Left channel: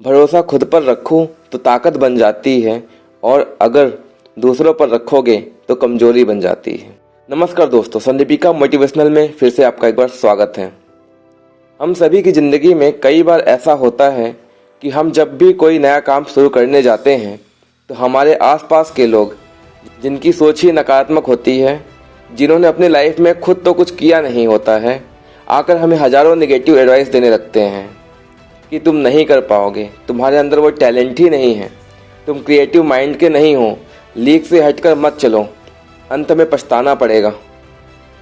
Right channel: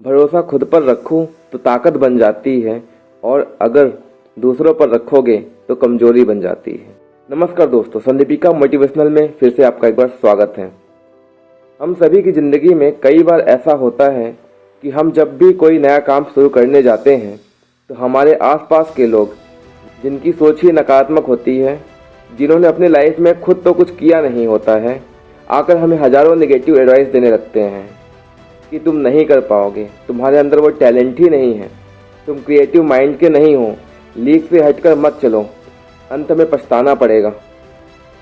भरोसा खुद पर रखो तो ताकत बन जाती है और अगर दूसरों पर रखोगे तो कमजोरी बन जाती है। नमस्कार दोस्तों, संदीपिका मोटिवेशनल में फिर से आपका एक बार स्वागत है। हम सभी की ज़िंदगी में कई बार ऐसा होता है कि हम जब भी कोई नया काम शुरू करने जाते हैं तो हमारे आसपास के लोग, जिनकी सोच ही नकारात्मक होती है, जिन्होंने अपनी लाइफ में खुद तो कुछ किया नहीं होता है, आकर हमें हज़ारों नेगेटिव एडवाइस देने लगते हैं कि तुम नहीं कर पाओगे, तुम्हारे अंदर वो टैलेंट ही नहीं है, तुम क्रिएटिव माइंड के नहीं हो, लीक से हटकर मत चलो, अंत में पछताना पड़ेगा,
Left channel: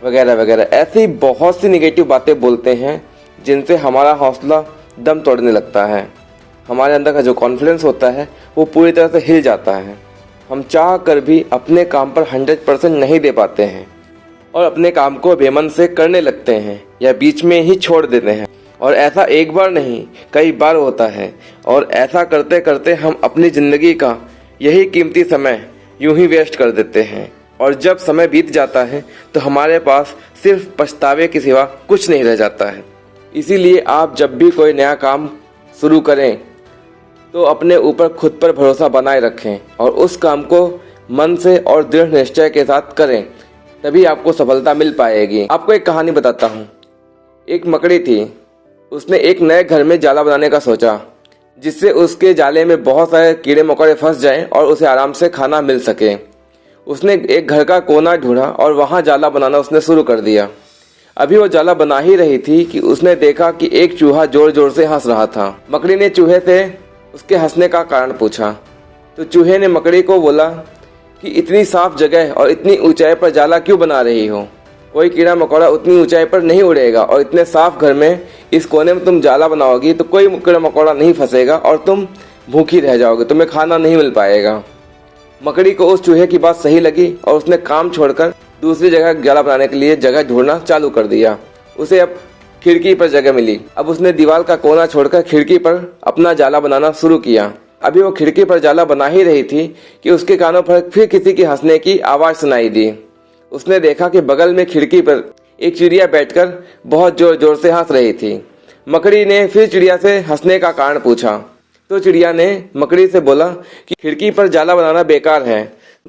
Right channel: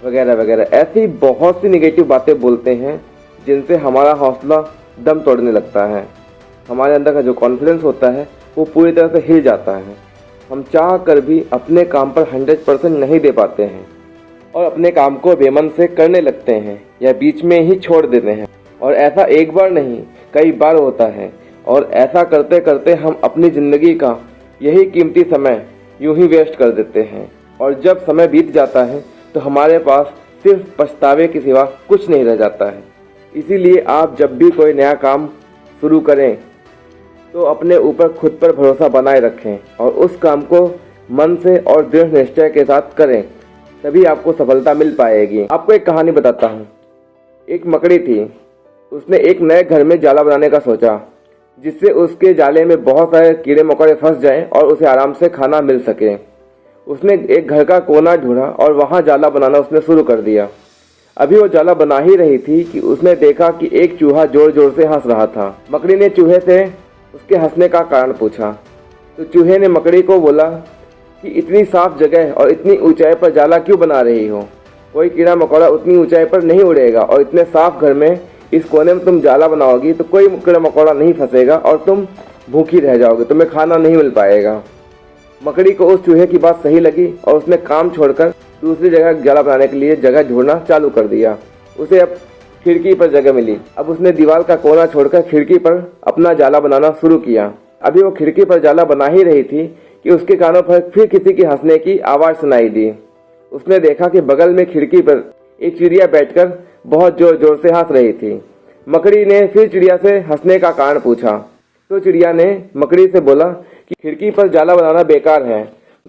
वगैरह वगैरह। ऐसी बहुत सी नेगेटिव बातें बोलते हैं जिनसे हमारा हौसला दम तोड़ने लगता है। हमारे अंदर का जो कॉन्फिडेंस होता है वो पूरी तरह से हिल जाता है। हम चाह कर भी अपने काम पर 100% नहीं दे पाते हैं और अपने काम को बेमन से करने लगते हैं या बीच में ही छोड़ देते हैं। और ऐसा एक बार नहीं, कई बार होता है। और ऐसा करते करते हम अपनी ज़िंदगी का यही कीमती समय यूं ही वेस्ट कर देते हैं। और जब समय बीत जाता है तो हमारे पास सिर्फ पछतावे के सिवा कुछ नहीं रह जाता है। इसीलिए आप जब भी कोई नया काम शुरू करें तो अपने ऊपर खुद पर भरोसा बनाए रखें और उस काम को मन से और दृढ़ निश्चय के साथ करें, तभी आपको सफलता मिल पाएगी। आपको एक कहानी बताता हूँ। एक मकड़ी थी, उसने एक नए घर में जाला बनाने का सोचा, जिससे उसके जाले में बहुत सारे कीड़े मकोड़े फंस जाएं और उसे आराम से खाना मिल सके। उसने एक घर का कोना ढूंढा और वहां जाला बनाना उसने शुरू कर दिया। अभी वो जाला बना ही रही थी कि उसने देखा कि एक चूहा जोर जोर से हंस रहा था। मकड़ी ने चूहे से उसके हंसने का कारण पूछा तो चूहे ने मकड़ी को बोला कि इतनी साफ जगह और इतनी ऊंचाई पर जाला क्यों बना रही हो? कोई कीड़ा मकोड़ा उतनी ऊंचाई पर नहीं उड़ेगा और इतने साफ घर में इस कोने में तुम जाला बनाओगी तो कोई कीड़ा मकोड़ा नहीं फंसेगा और तुम भूखी रह जाओगे, तुम्हें खाना नहीं मिल पाएगा। मकड़ी को उस चूहे की बात सही लगी और उसने काम छोड़कर दूसरी जगह जाला बनाने के लिए जगह ढूंढना चालू कर दिया। उसे अब खिड़की पर जगह मिली। अब उसने दीवार का कोना छोड़कर खिड़की पर अपना जाला बनाना शुरू किया। अभी वो खिड़की पर जाला बना ही रही थी कि उसके कानों पर फिर किसी की हंसने की आवाज़ सुनाई दी। उसने देखा कि बगल में खिड़की पर एक चिड़िया बैठकर बहुत जोर जोर से हंस रही थी। मकड़ी ने फिर चिड़िया से हंसने का कारण पूछा तो चिड़िया ने मकड़ी से बोला कि खिड़की पर जाला बनाना बेकार है,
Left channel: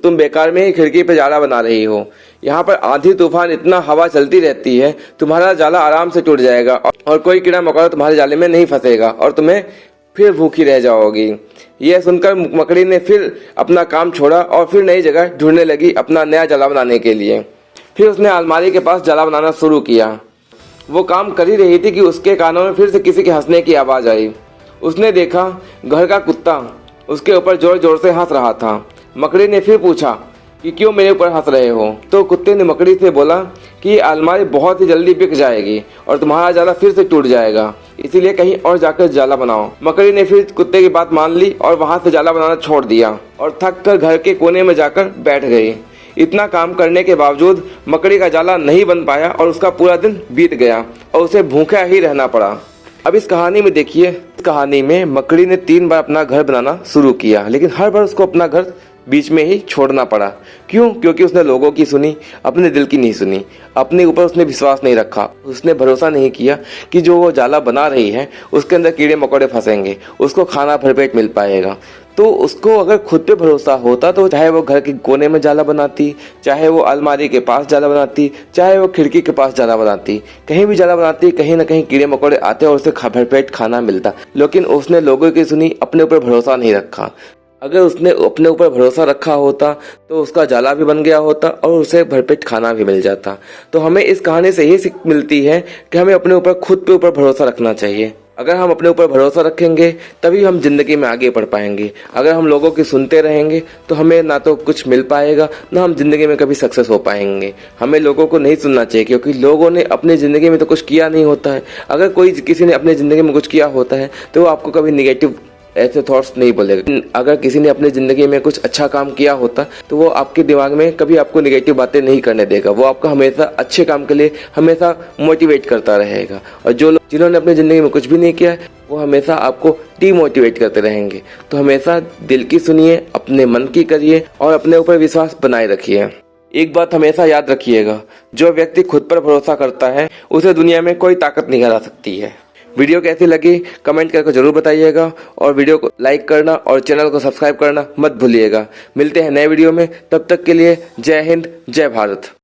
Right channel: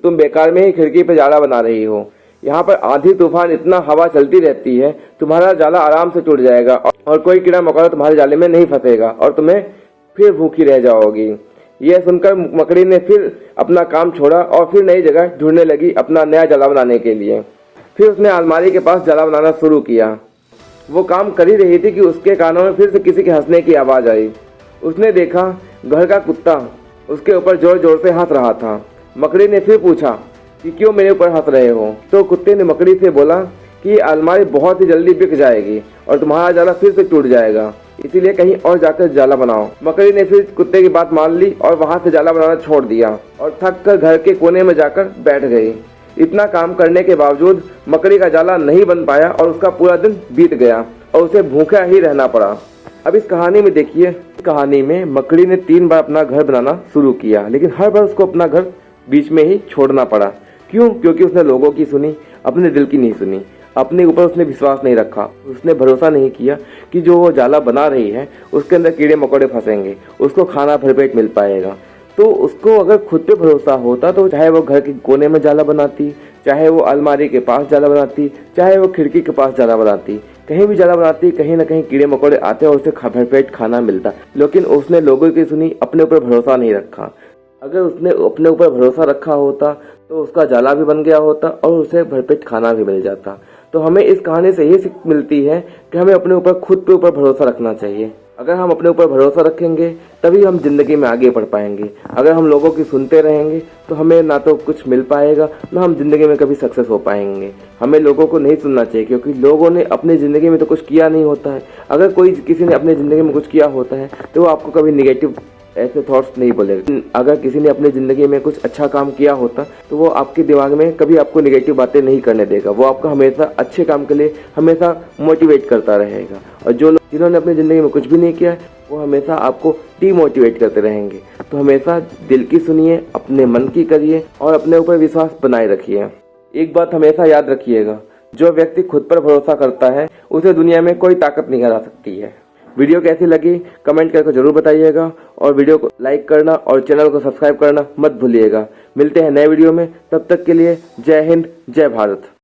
तुम बेकार में ही खिड़की पर जाला बना रही हो। यहाँ पर आंधी तूफान इतना हवा चलती रहती है, तुम्हारा जाला आराम से टूट जाएगा और कोई कीड़ा मकोड़ा तुम्हारे जाले में नहीं फंसेगा और तुम्हें फिर भूखी रह जाओगी। यह सुनकर मकड़ी ने फिर अपना काम छोड़ा और फिर नई जगह ढूंढने लगी अपना नया जाला बनाने के लिए। फिर उसने अलमारी के पास जाला बनाना शुरू किया। वो काम कर ही रही थी कि उसके कानों में फिर से किसी के हंसने की आवाज़ आई। उसने देखा घर का कुत्ता उसके ऊपर जोर जोर से हंस रहा था। मकड़ी ने फिर पूछा कि क्यों मेरे ऊपर हंस रहे हो? तो कुत्ते ने मकड़ी से बोला कि ये अलमारी बहुत ही जल्दी बिक जाएगी और तुम्हारा जाला फिर से टूट जाएगा, इसीलिए कहीं और जाकर जाला बनाओ। मकड़ी ने फिर कुत्ते की बात मान ली और वहां से जाला बनाना छोड़ दिया और थक कर घर के कोने में जाकर बैठ गई। इतना काम करने के बावजूद मकड़ी का जाला नहीं बन पाया और उसका पूरा दिन बीत गया और उसे भूखा ही रहना पड़ा। अब इस कहानी में देखिए, इस कहानी में मकड़ी ने 3 बार अपना घर बनाना शुरू किया, लेकिन हर बार उसको अपना घर बीच में ही छोड़ना पड़ा। क्यों? क्योंकि उसने लोगों की सुनी, अपने दिल की नहीं सुनी। अपने ऊपर उसने विश्वास नहीं रखा। उसने भरोसा नहीं किया कि जो वो जाला बना रही है उसके अंदर कीड़े मकोड़े फंसेंगे, उसको खाना भरपेट मिल पाएगा। तो उसको अगर खुद पे भरोसा होता तो चाहे वो घर के कोने में जाला बनाती, चाहे वो अलमारी के पास जाला बनाती, चाहे वो खिड़की के पास जाला बनाती, कहीं भी जाला बनाती, कहीं ना कहीं कीड़े मकोड़े आते और उसे भरपेट खाना मिलता। लेकिन उसने लोगों की सुनी, अपने ऊपर भरोसा नहीं रखा। अगर उसने अपने ऊपर भरोसा रखा होता तो उसका जाला भी बन गया होता और उसे भरपेट खाना भी मिल जाता। तो हमें इस कहानी से ये सीख मिलती है कि हमें अपने ऊपर खुद पे ऊपर भरोसा रखना चाहिए। अगर हम अपने ऊपर भरोसा रखेंगे तभी हम जिंदगी में आगे बढ़ पाएंगे। अगर हम लोगों की सुनते रहेंगे तो हमें ना तो कुछ मिल पाएगा, ना हम जिंदगी में कभी सक्सेस हो पाएंगे। हमें लोगों को नहीं सुनना चाहिए, क्योंकि लोगों ने अपनी ज़िंदगी में तो कुछ किया नहीं होता है। अगर कोई किसी ने अपनी ज़िंदगी में कुछ किया होता है तो वो आपको कभी निगेटिव ऐसे थॉट्स नहीं बोलेगा। अगर किसी ने अपनी ज़िंदगी में कुछ अच्छा काम किया होता तो वो आपके दिमाग में कभी आपको नेगेटिव बातें नहीं करने देगा। वो आपको हमेशा अच्छे काम के लिए हमेशा मोटिवेट करता रहेगा। और जो लोग जिन्होंने अपनी ज़िंदगी में कुछ भी नहीं किया वो हमेशा आपको डीमोटिवेट करते रहेंगे। तो हमेशा दिल की सुनिए, अपने मन की करिए और अपने ऊपर विश्वास बनाए रखिए। एक बात हमेशा याद रखिएगा, जो व्यक्ति खुद पर भरोसा करता है उसे दुनिया में कोई ताकत नहीं हरा सकती है। वीडियो कैसी लगी कमेंट करके जरूर बताइएगा और वीडियो को लाइक करना और चैनल को सब्सक्राइब करना मत भूलिएगा। मिलते हैं नए वीडियो में, तब तक के लिए जय हिंद जय भारत।